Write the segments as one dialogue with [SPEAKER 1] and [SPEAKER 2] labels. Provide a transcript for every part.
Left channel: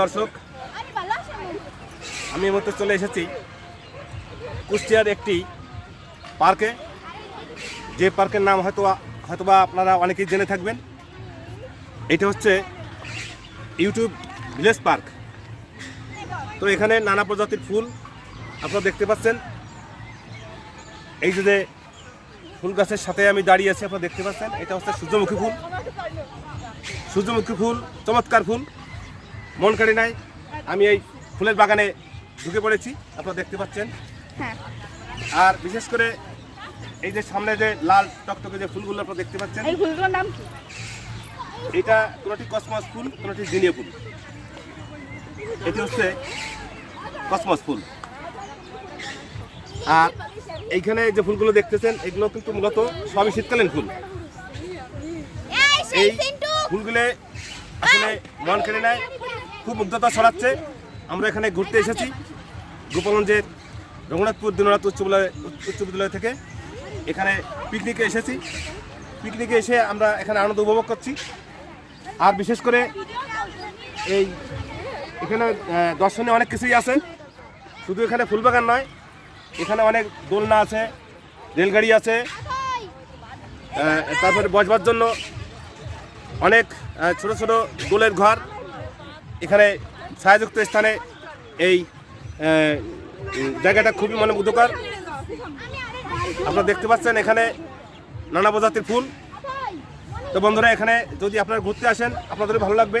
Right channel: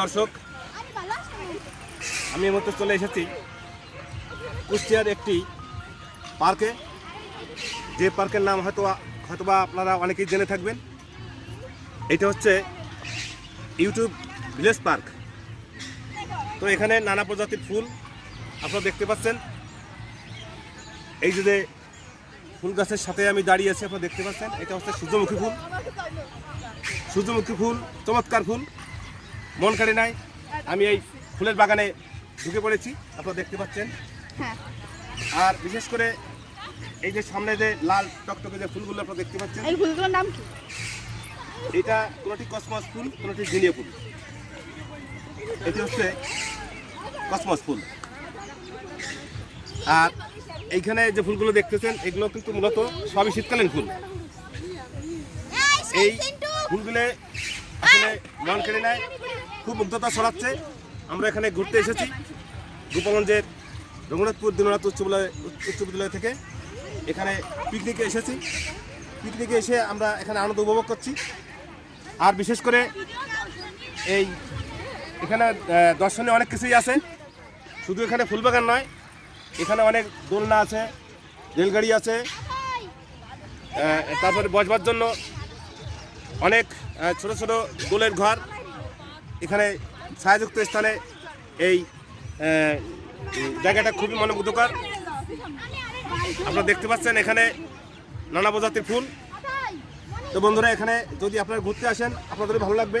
[SPEAKER 1] দর্শক, আমি এই চলে এসেছি কুষ্টিয়ার একটি পার্কে। যে পার্কের নাম হয়তো হয়তোবা আপনারা অনেকেই জেনে থাকবেন। এটা হচ্ছে ইউটিউব ভিলেজ পার্ক। তো এখানে নানা প্রজাতির ফুল আপনারা দেখতে পাচ্ছেন। এই যে ফুল গাছের সাথে আমি দাঁড়িয়ে আছি, আপনারা দেখতে পাচ্ছেন। এটা হচ্ছে সূর্যমুখী ফুল। সূর্যমুখী ফুল চমৎকার ফুল। মন কাড়ি নাই আমি এই ফুলের বাগানে ঢুকে পড়েছি আপনারা দেখতে পাচ্ছেন। আর বিশেষ করে এই যে সামনে যে লাল টকটকে যে ফুলগুলো আপনারা দেখতে পাচ্ছেন
[SPEAKER 2] এই ফুলগুলোর নাম কি?
[SPEAKER 1] এটা কোনোটি কসমস ফুল কোনোটি জিনিয়া ফুল। এটি হচ্ছে কসমস ফুল। আর এইখানে যে ফুলগুলো দেখতেছেন এগুলো কিন্তু মূলত সবই শীতকালীন ফুল। এই ফুলগুলো আসলে মন কেড়ে নেয়, খুব মুগ্ধতা ছড়াচ্ছে। আমরা এখানে ঘুরতে এসেছি। গোপালগঞ্জের রঘুনাথপুর দিননাথ উচ্চ উচ্চ বিদ্যালয় থেকে। এখানে পিকনিকে এসেছি। পিকনিকে এসে আমরা এখানে আনন্দ উপভোগ করছি। আর বিশেষ করে এই এখানে দর্শনে অনেক কিছুই আছে। শুধু এখানে ফুলবাগান নয়, এখানে অনেক দোলনা আছে, রেলগাড়ি আছে। তারপরে বসবার জন্য অনেক ছোট ছোট দোলের ঘর। এখানে ছায়াযুক্ত স্থানে এই জায়গাটা খুবই মনে মুগ্ধকর আপনারা দেখতে পাচ্ছেন এখানে নানা প্রজাতির ফুল। তো বন্ধুরা, এখানে যদি আপনারা ঘুরতে আসেন আপনাদের ভালো লাগবে।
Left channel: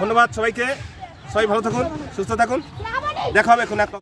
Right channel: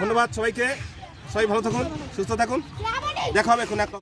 [SPEAKER 1] ধন্যবাদ সবাইকে। সবাই ভালো থাকুন, সুস্থ থাকুন। দেখা হবে এখন এক